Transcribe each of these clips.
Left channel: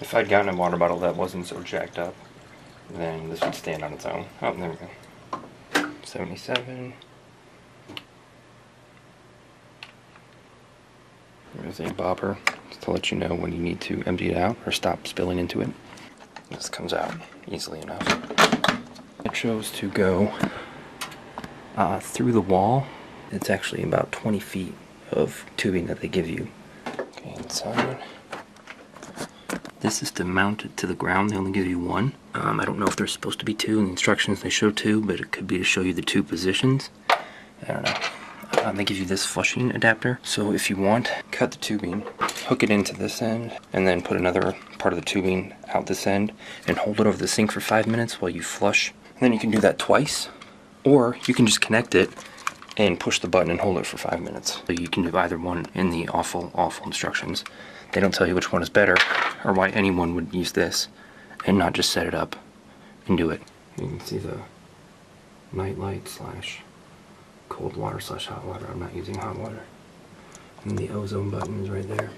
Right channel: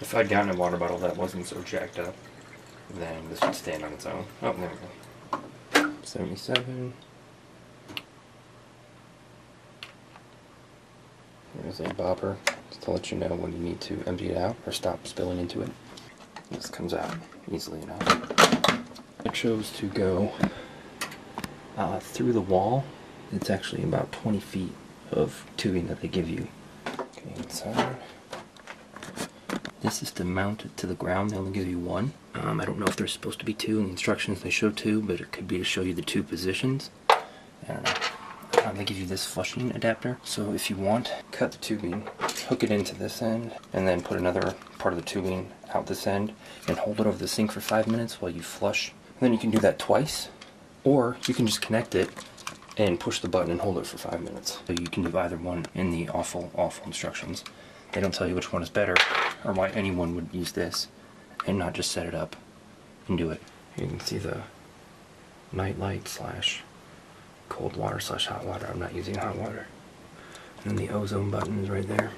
If I'd gotten a water bottle that wasn't so jacked up, then this would stand on its own. Oh, there we go. 77. There's a bobber to let you know when you need to empty it out or stop spilling into it. This comes out easily enough. I chose to go through the wall. It's actually about 20 feet of tubing that they give you. Okay, inside. This is to mount it to the ground. They only give you one. I don't know if there's supposed to be two. In the instructions they show two, but it could be to show you the two positions. I don't know. They give you this flushing adapter. So if you want, cut the tubing, hook it into this end, and then put another part of the tubing out this end, and hold it over the sink for 5 minutes while you flush. And then you can do that twice, or you can just connect it and push the button and hold it for 5 minutes. So you can do either one in the awful instructions. They don't tell you which one is better, or why anyone would use this and not just set it up and do it. You can see the night light slash cold water slash hot water. I'm not using hot water. And the ozone button is right there.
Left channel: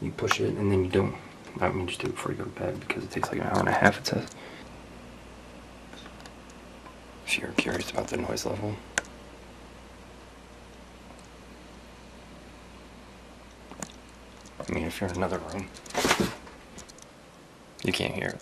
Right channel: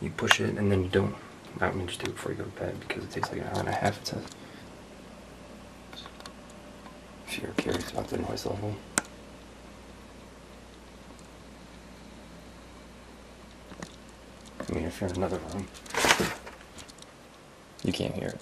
You push it and then you don't, I mean just do it before you go to bed because it takes like an hour and a half, it says. If you're curious about the noise level. I mean, if you're in another room, you can't hear it.